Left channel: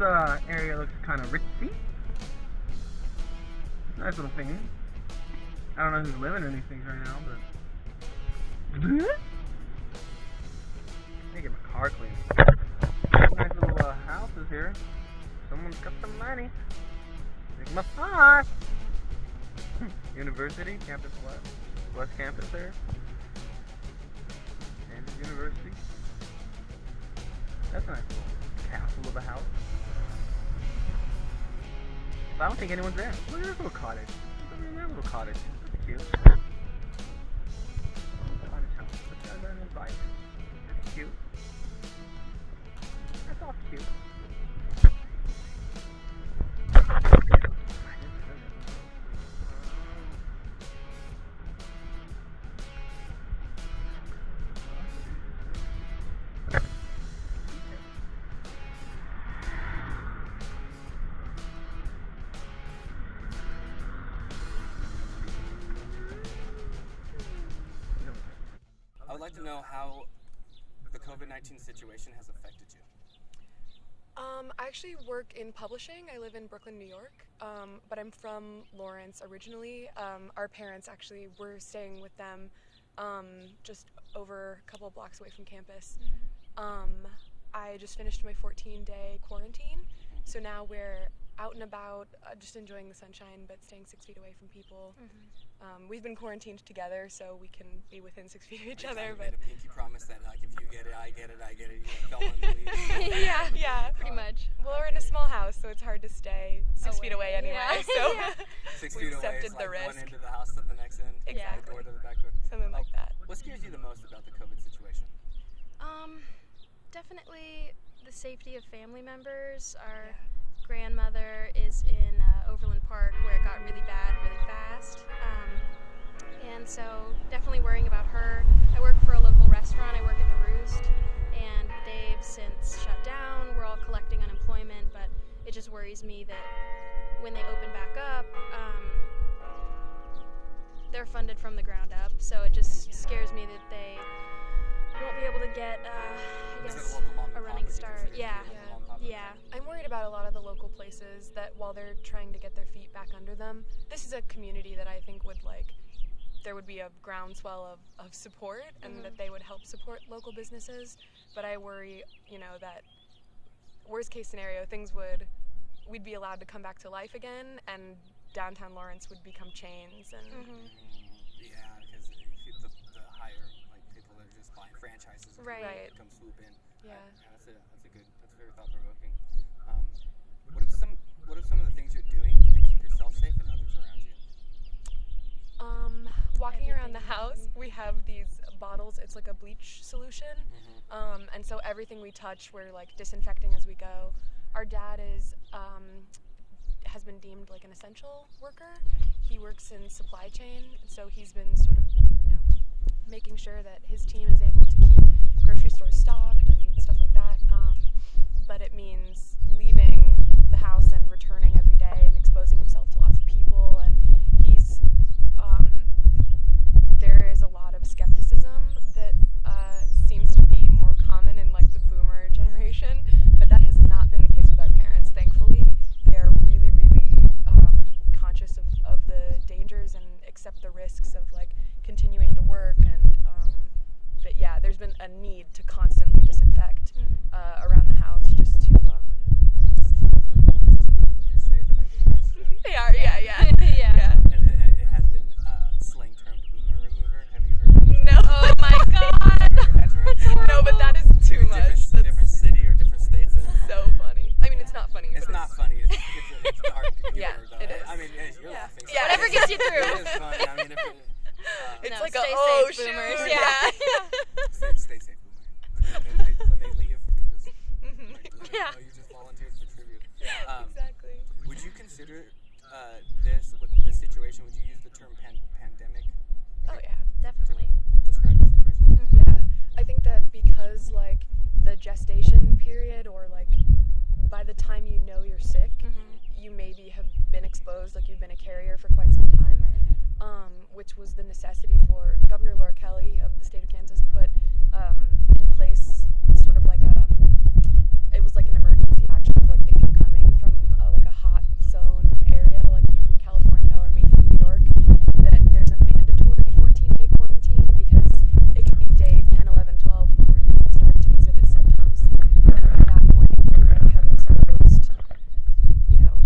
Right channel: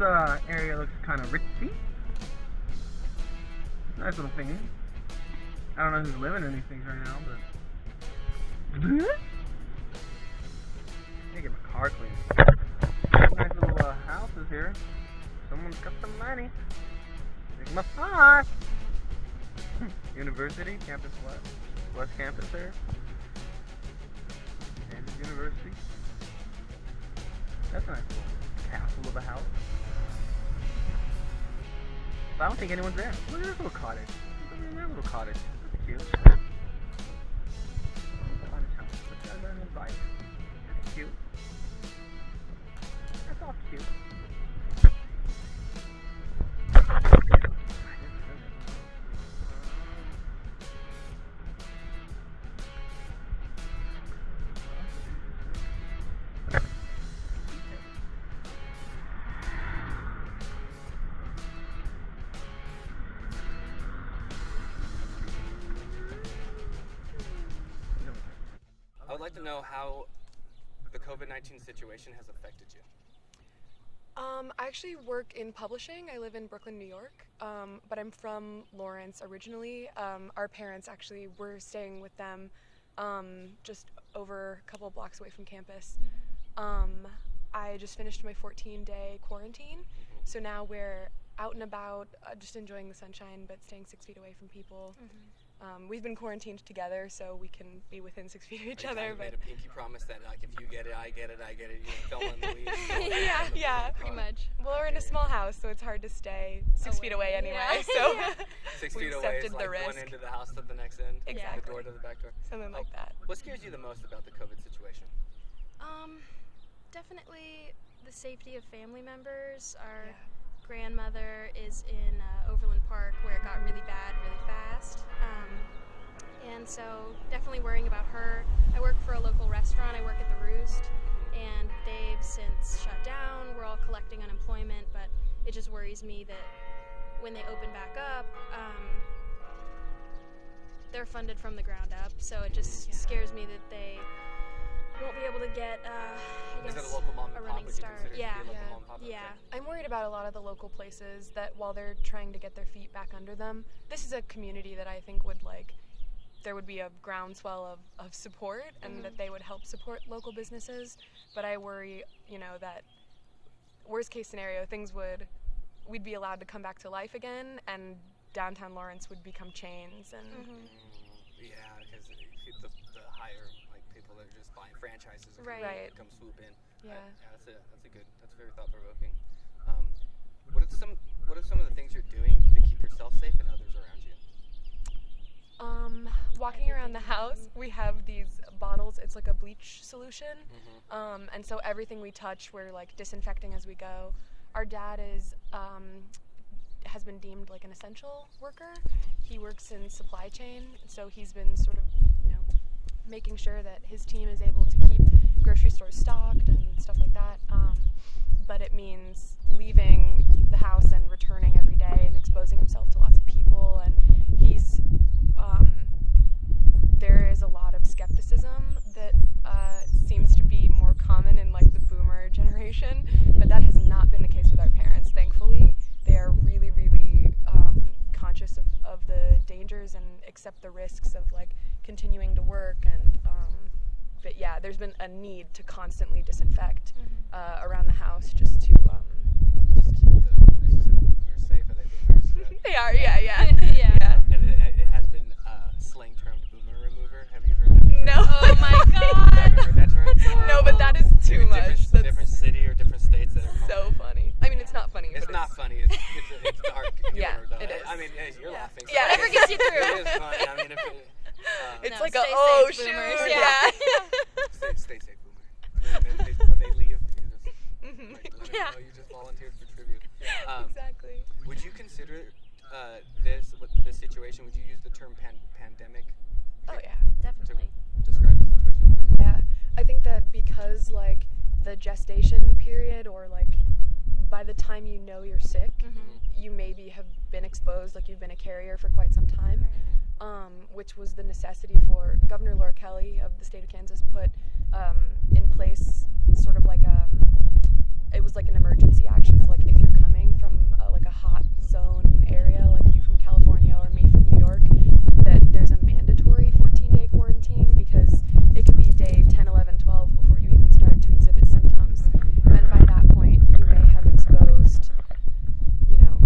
area looks kind of ritzy. Nice little thing. I don't know who's living in these things right now, but... I need to get my car cleaned. Nice little houses here. Someone's got some money. Make my pot. University, Campus West Campus there. Kansas University. That's a nice little castle of a house. But I don't think anyone's there. Look at this little cottage. Look at that little cottage. That's cute. Cottage house. Look at that little bike. That's cute. That's all cute. I would like to know how the COVID-19 situation has affected you. I actually work in publishing. I live in Brooklyn, New York, but I'm from Lawrence originally. Our parents actually were staying with them just over a couple of blocks away from campus. I just finished my 14-day quarantine, so now we're out and about, just enjoying the sunshine, but staying 6 feet away from people. We've been quarantined together, so we can be within 6 feet of each other. But made a pinky promise that, like, if you get it, I get it, I get it. You don't want to leave. Yeah, pretty much. Well, we're in a small house, so it's hard to stay 6 feet away anyway. Yeah. So 6 we feet away accepted is the like risk. one end of the house to the next end. Exactly. The door to the back door. Something like that. What scares you the most about the COVID situation? Definitely the safety of family members. Our grandmother is in Overland Park, where it got really bad really fast. And so definitely worrying about her. I work for a local restaurant. I work at the Roost, and they've since shut down. We're all collecting unemployment, but it just worries me that when they open back up, they're funded from the ground up. So it just scares me that they won't be able to get, a running start. Yeah. I'm worried about a lot of the local places that while they're trying to get their feet back under them, this is a community that I think would there would be a groundswell of support and that they would help support local businesses. But I worry, that worst case scenario, we'd be allowed to come back to life again, and downtown Lawrence would become chains. And Yeah, because the higher people that are just buying franchises Right. come swoop in. Yeah. That's very thought provoking. What are some of the things you're doing to keep yourself safe and others around you? Walking around the house, we have these bottles. It's like a bleach solution, and so everything we touch, we're disinfecting as we go. Our dad has been deemed an essential worker. He works in supply chain, so he's been sort of, making sure that his team is able to keep grocery stores stocked and stuff like that. But it means leaving the house and returning every day and exposing himself to lots of people, and he's there is a lot of skepticism that seems to be more common in the boomer generation, but that has not been the case with our parents, thankfully. They are really, really conscious of the dangers and accept the risks of continuing to work, and but yeah, there's been a need to constantly disinfect around the house just to Just keep the boomers safe and dangerous. they are, yeah. And it has been slang termed boomer remover. Have you heard that? No. Oh my God. Have you heard that term? No, but that is too Maybe much. Different city or different states that are So funny. I mean, it's not funny. It's but not funny. It's dark. Yeah, humor, though. it is. I mean, you're laughing. So Yeah. Whatever gets you through. It is funny. I mean, if It's No, like stay oh safe, shoot, boomers. yeah. stay safe, boomer. When they leave, you just let them Yeah. know you just volunteered for tribute. Exactly. Would you consider this situation? Would you use the term pandemic? Oh yeah. Definitely. To describe the situation. Yeah, I think that because the gestation period, or by the time you're sick, you maybe have been exposed, you've been a carrier for quite some time, which was the necessity for Governor Laura Kelly of the state of Kansas put in place sort of it was like an emergency action of like if you're coming from like a hot zone area, like you from California or me from New York, that there's a mandatory 14-day quarantine because it could be day 10, 11, 12 before you even start to exhibit symptoms. And by that point, you may have exposed, you know,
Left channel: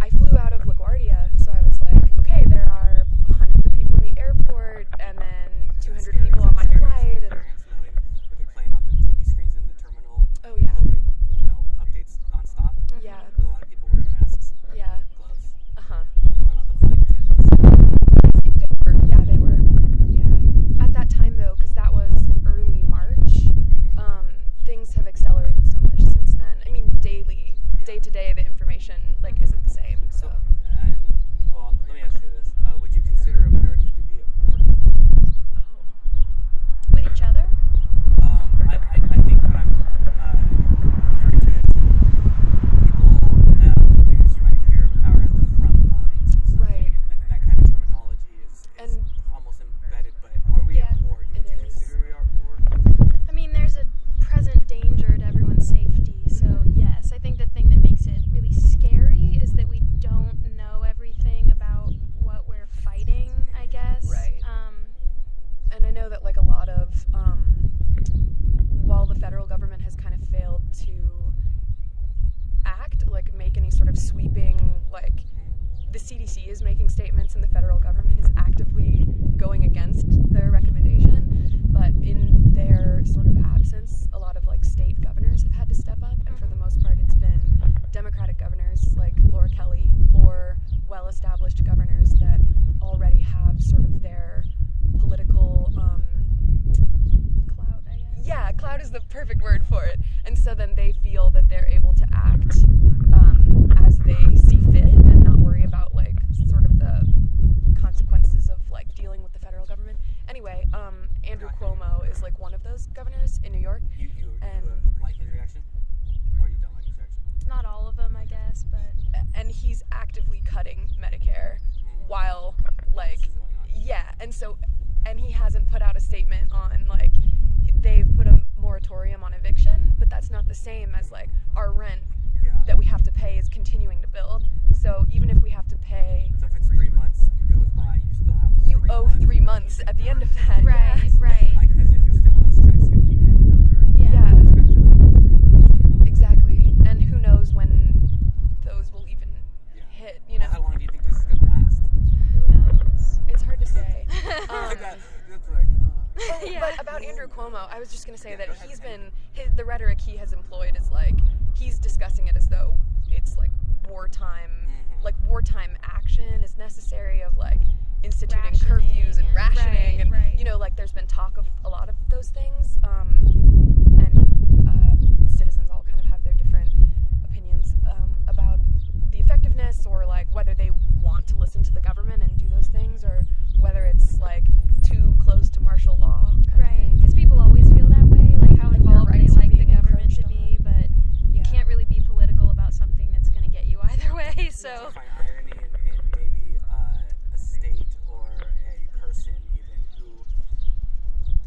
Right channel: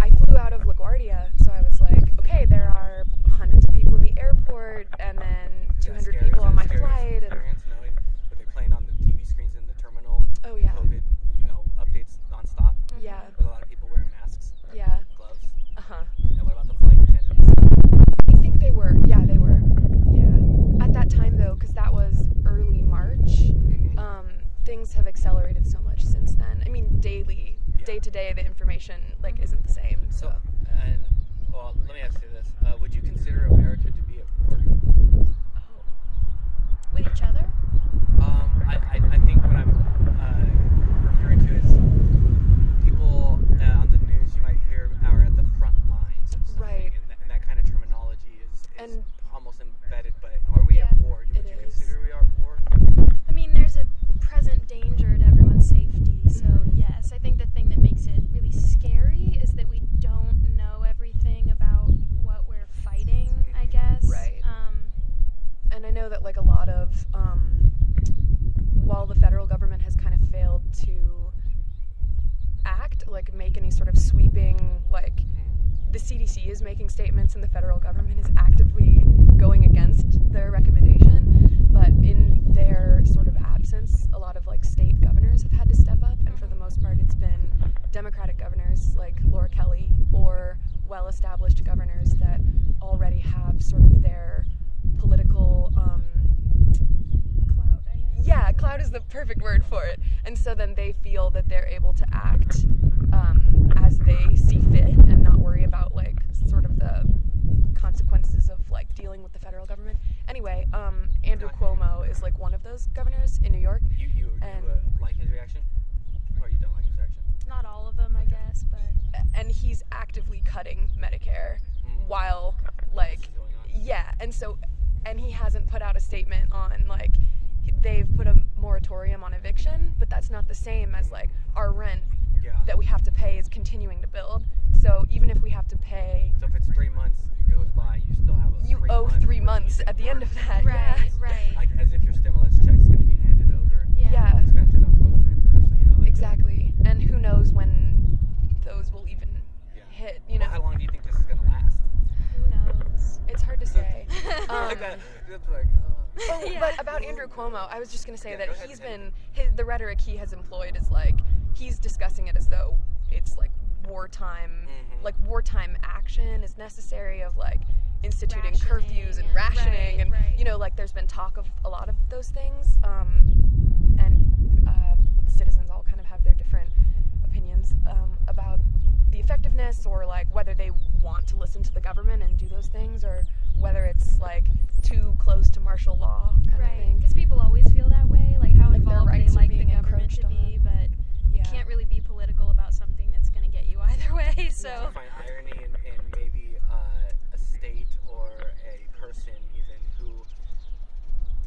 I flew out of LaGuardia, so I was like, okay, there are hundreds of people in the airport, and then 200 people on my flight. And Knowing what they're playing on the TV screens in the terminal. oh yeah, COVID, updates nonstop. yeah, With a lot of people wearing masks, yeah, gloves. uh-huh. And what about the flight attendants? I think they were, yeah, they were, yeah. At that time though, because that was early March, things have accelerated so much since then. I mean, daily, day to day, the information like isn't the same. So, And well, let me ask you this: would you consider America to be at war? With each other? I think what I'm referring to is people on the news you might hear are at the front lines, or something, Right. And that kind of terminology is And- almost embedded. But are we at war? Would you is. consider we are at war? I mean, there's a present danger to everyone's safety, so yes. I think the thing that makes it really scary is that we don't know everything about what we're fighting, I guess. Right. And I know that like a lot of, while the federal government has kind of failed to act, like make any sort of sweeping, like the CDC is making statements and the federal government is actively going against their recommendation, but in their sort of absence, a lot of like state governors have had to step up, and for the most part it's been Democratic governors like Laura Kelly or well-established governors that already have sort of their political Clout, I guess. yeah, clout is the perfect word for it. And so then they feel that they're able to act as they see fit and not worry about like sort of the consequences of like dealing with the federal government. Anyway, Andrew Cuomo is like one of those governors in New York. You And- like his reaction, or you don't like his reaction? Not all of them, I guess, but And he's actively cutting Medicare while like This is going on. yeah, and he hasn't put out a statement on like they've put a moratorium on eviction, but that's not the same as like our rent Yeah. that we have to pay is continuing to build. So even if we have to pay, So if it's 3 months, it goes by, you still have a you 3 owe months 3 worth months of at the end of work. that. right, yeah. right. Like as if your stimulus check's going to be handed over. Yeah. And spent it on toilet paper, like Exactly. And who knows when those will even Yeah. hit, Well, how long do you think this is going to last? Who knows? It's hard to say. Like that, it's like, Oh, Yeah. but about Andrew Cuomo, I was just going to say Yeah, that go ahead, he's Taylor. been, the rhetoric he has employed is like, he's discussing it as though it's like wartime, like wartime action is necessary of like instituting curfews and rationing and, right. you know, like there's been talk of a lot of those things, and citizens all kind of have their different opinions about the effectiveness or like whether they want to listen to the government and do those things or whether it's like too close to martial law kind of Right, thing. because people always feel that way, like how Like their involved they rights are like the being government to encroached be, but Yeah. you can't really be political about something that's going to get you either way, I so. find irony in maybe a state or a person even who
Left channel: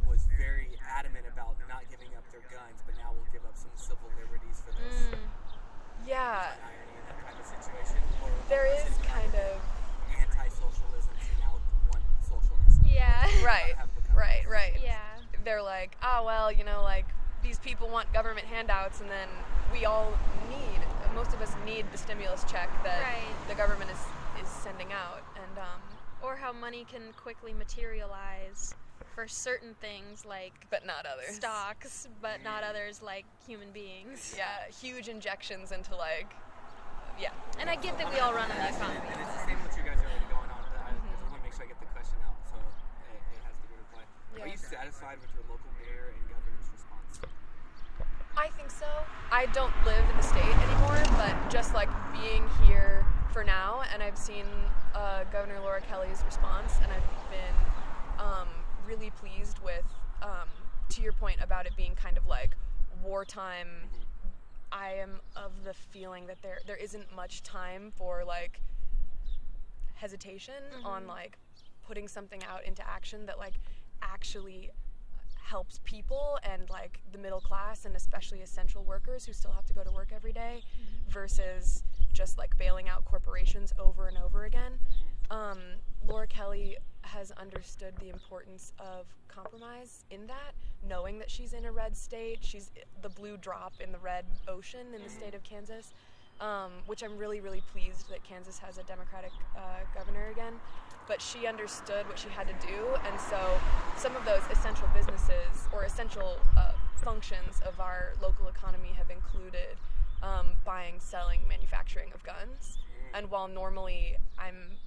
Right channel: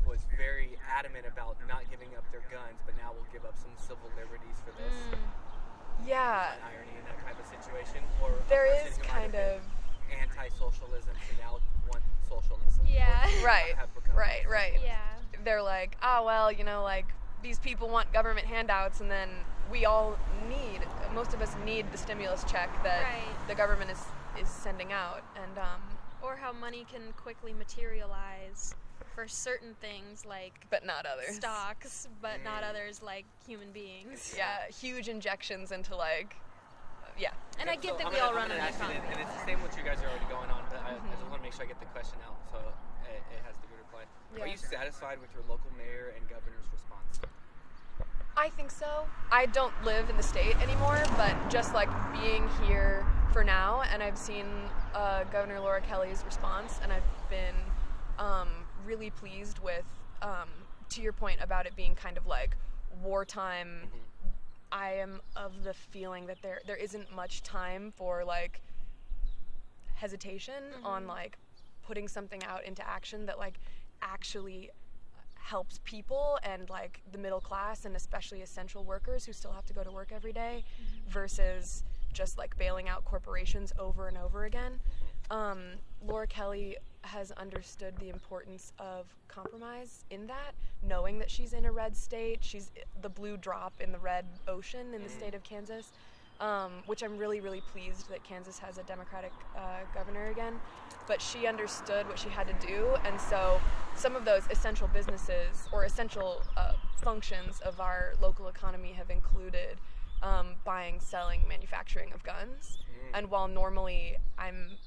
was very adamant about not giving up their guns, but now will give up some civil liberties for this. Yeah, Find irony in that type of situation, or a there person is who might kind have of been anti-socialism and now want socialism. or Yeah. Right, have become right. Yeah. They're like, well, you know, like these people want government handouts, and then we all need, most of us need the stimulus check that Right. the government is sending out, and Or how money can quickly materialize for certain things like but not others. stocks, but not others like human beings. Yeah, huge injections into like, yeah. And I get that I'm we gonna- all I'm run on gonna the ask you, economy. and it's the same what you guys are already going on, but I just want to make sure I get the question out so it has the good reply. Are Yeah. you satisfied with your local mayor and governor's response? I think so. I don't live in the state anymore, but just like being here for now, and I've seen Governor Laura Kelly's response, and I've been really pleased with, to your point about it being kind of like wartime. I am of the feeling that there isn't much time for like hesitation on like putting something out into action that like actually helps people and like the middle class and especially essential workers who still have to go to work every day versus just like bailing out corporations over and over again. Laura Kelly has understood the importance of compromise in that, knowing that she's in a red state. She's the blue drop in the red ocean in the state of Kansas, which I'm really, really pleased that Kansas has a Democratic governor again. But she understood what she had to do, and so some of those essential businesses or essential functions of our local economy have included buying, selling, manufacturing of guns. And while normally I'm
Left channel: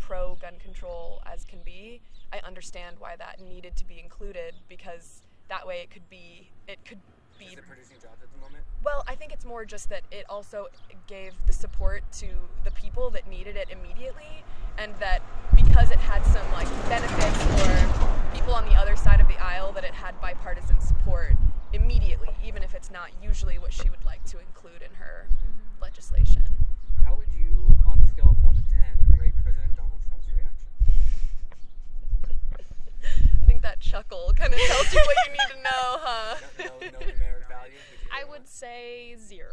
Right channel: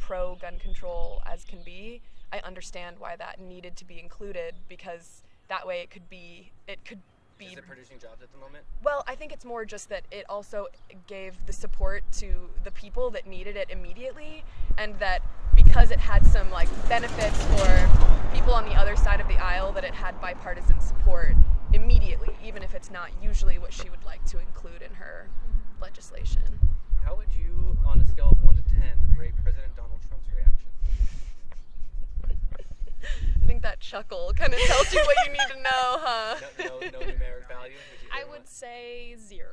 pro-gun control as can be, I understand why that needed to be included, because that way it could be. Is it producing jobs at the moment? Well, I think it's more just that it also gave the support to the people that needed it immediately, and that because it had some like benefits for people on the other side of the aisle, that it had bipartisan support immediately, even if it's not usually what she would like to include in her legislation. How would you, on a scale of 1 to 10, rate President Donald Trump's reaction? I think that chuckle kind of tells you what you need to know, huh? No numeric value? I would say 0.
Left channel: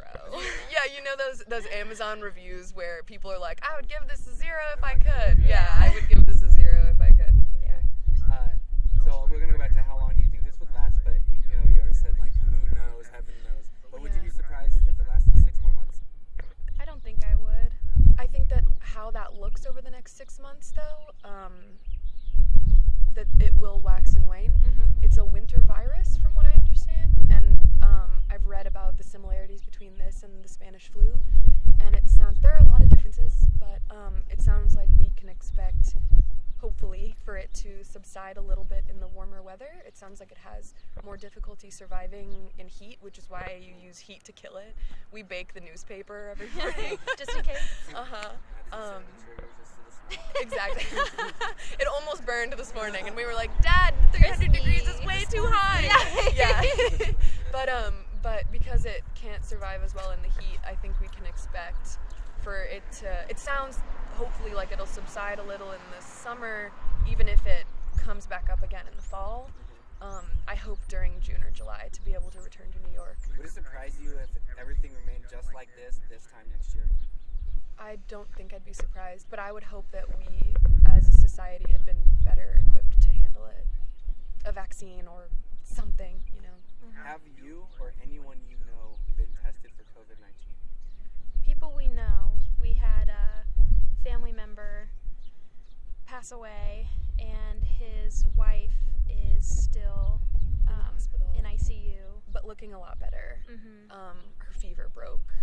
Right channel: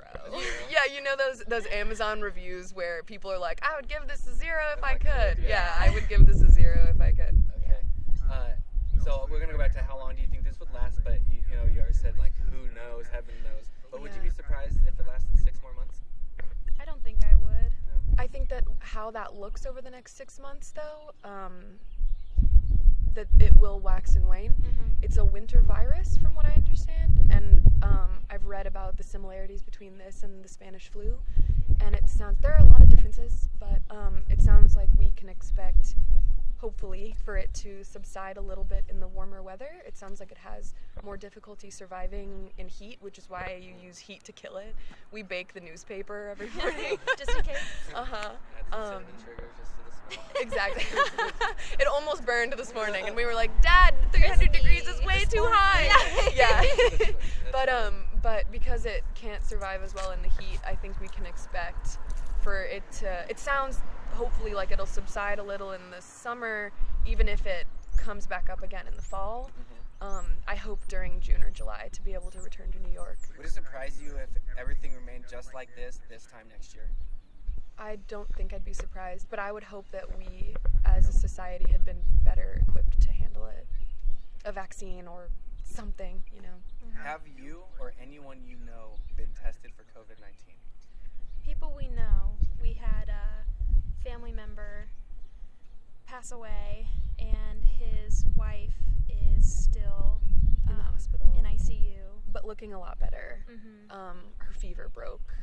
Yeah, you know those Amazon reviews where people are like, I would give this a 0 if I could. Yeah, I would give this a 0 if I could. Okay. So we're gonna go back to how long do you think this would last? But you already said like who knows, heaven knows. But would you be surprised if it lasted 6 more months? I don't think I would. I think that how that looks over the next 6 months, though, that it will wax and wane. It's a winter virus, from what I understand, and I've read about the similarities between this and the Spanish flu, and there are a lot of differences, but it sounds like we can expect, hopefully, for it to subside a little bit in the warmer weather. It sounds like it has more difficulty surviving in heat, which is why you use heat to kill it. We bake the newspaper every morning. Just in case. Exactly. It almost burned this morning, and we were like, Dad, 300 degrees is way too high. Yeah. But because it can't survive as well in the heat, I think we can expect for it to. It sounds hopefully like it'll subside a little in the summer, even if it comes back up again in the fall. I hope during June or July to be able to return to New York. Would it surprise you if everything remained just like this time next year? I don't think I'd be surprised, but I would hope that we, as a society, had been better equipped to handle it. A vaccine or something, Have you or anyone you know been tested for COVID-19? People we know. We had a family member pass away, and his wife is still in the hospital, in ICU, but looking a lot better. Her fever broke.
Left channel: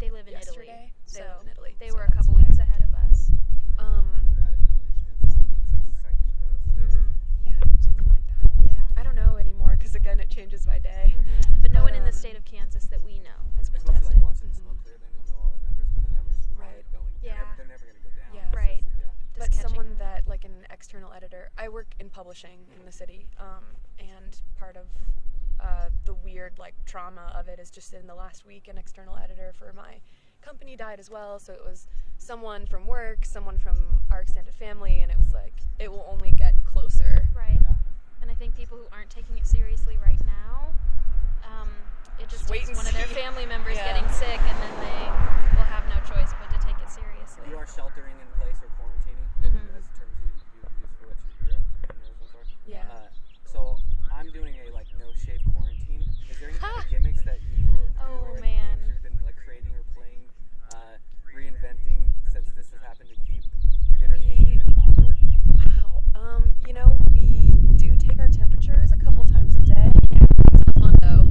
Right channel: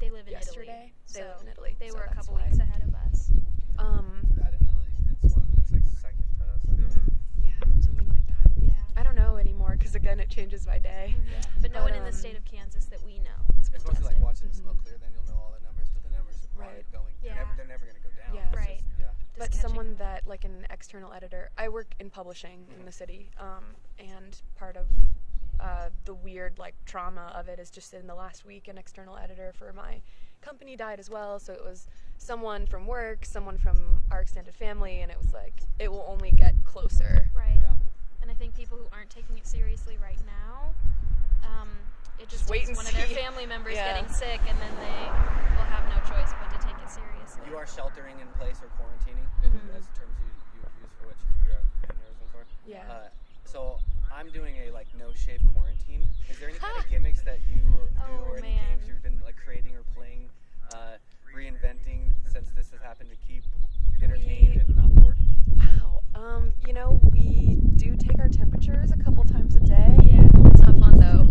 They live in yesterday. Italy. They live in Italy. They so were a couple weeks ahead of us. Bad in Italy. It's like second to us. Yeah, something like that. Yeah. I don't know anymore because again, it changes by day. But no one in the state of Kansas that we know has been It's mostly tested. like watching the smoke clear, then you'll know all the numbers, but the numbers Right. are going. Yeah. They're never going to go down. Yeah. It's Right. But Just someone catching up. that, like an external editor, I work in publishing in the city, and part of the weird trauma of it is just in the last week, an external editor for my company died as well. So it was someone from work, someone from our extended family, and it was like it will only get closer. Right. Yeah. And I think people who aren't taking it seriously right now, it just Wait takes and one of their see. family members Yeah. getting sick, and then they will have no choice but to take it seriously. You are sheltering in place or quarantining. That's terms you use for what you're in Arizona for. Yeah. So I'm doing a no shave quarantine. Is there any kind of gimmicks that you do Oh, or any man. games you've been creating or playing, reinventing since this has happened to keep entertained and not bored? Wow. We do take our temperatures a couple times a day. Yeah. It's not fun though.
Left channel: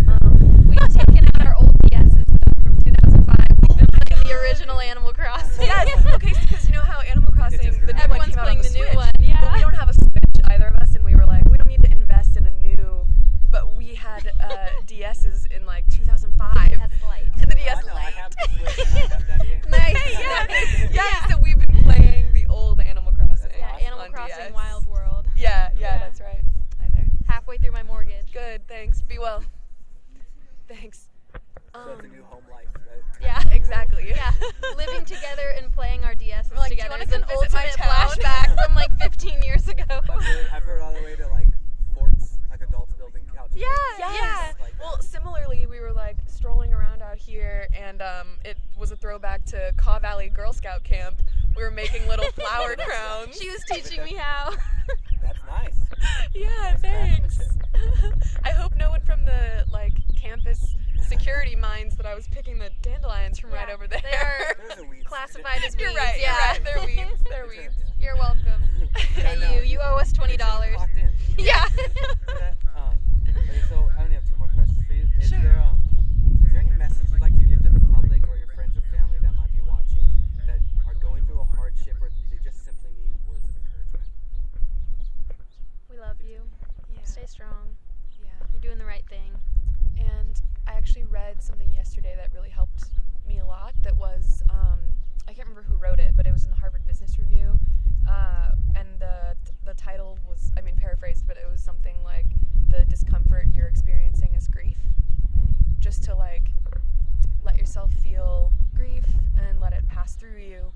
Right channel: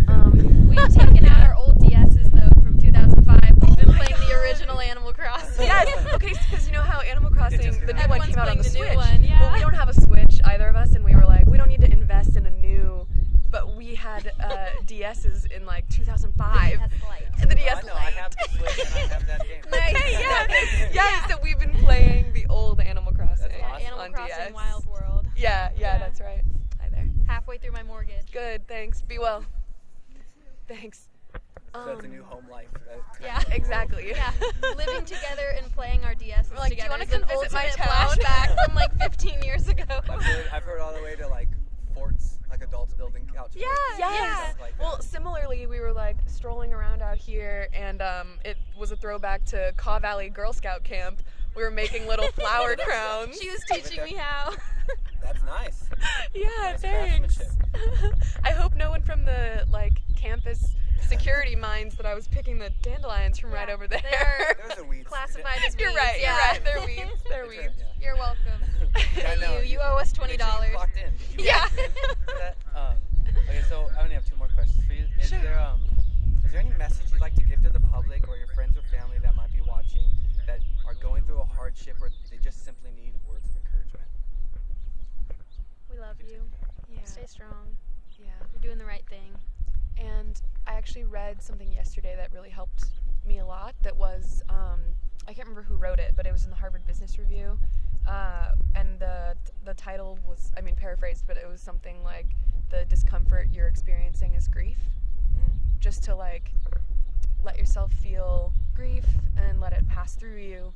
We've taken out our old DSs though from 2005. We've been playing the original Animal Crossing. Yes. Okay. Because you know how Animal Crossing, just the new came out. one Everyone's came out on playing the the new Switch. one, yeah. Well, we don't have a Switch, either of us, and we were like, we don't need to invest in a new. But we had DSs in 2005. That's light. The DS I know, I have the Switch and I have that game. Nice. Yeah. So we've been playing the old Animal Crossing. Yeah, awesome. Animal on Crossing DS. Wild World. Yeah, Yeah. that's right. Hi there. Halfway through my mortgage. Good. Thanks. Be well. Thanks. So that's a new home life. Yeah. Exactly. Yeah. Living together and playing our DSs We're like, "Do you together wanna is an come visit my ultimate town?" flashback from 15 years ago. I've heard all the way to forts, like a out here, and it was a throwback to Caw Valley Girl Scout Camp. We were making little flower crowns. She was teaching me how. That's nice. Yeah, Nice thanks. craftsmanship. I hope no one from the campus security minds that I was picking the dandelions from right Yeah, over there. they are Those are weeds. classified as weeds. You're right. Yeah. You're right. They're weeds. They're weeds. You're welcome. Yeah, Hey, no, you owe us $20. Make sure you clocked in. Did you Yeah. for that? Okay, so I only have 2 more questions for you. Is Sure. is there any message you'd like to give to the public or your friends or family that might be watching that are going through a hardship or they just simply need words of encouragement? We love you. Yeah. Stay strong. Yeah. You're doing the right thing. And I actually read something yesterday that really helped me a lot. That was, I can't remember who wrote it, but it was in the Harvard Business Review. And the title was, paraphrased, but it was something like, the discomfort you're experiencing is grief. Just to let yourself feel grief and let it pass through you,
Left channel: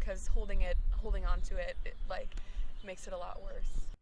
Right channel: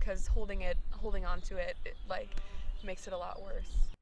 because holding on to it, makes it a lot worse.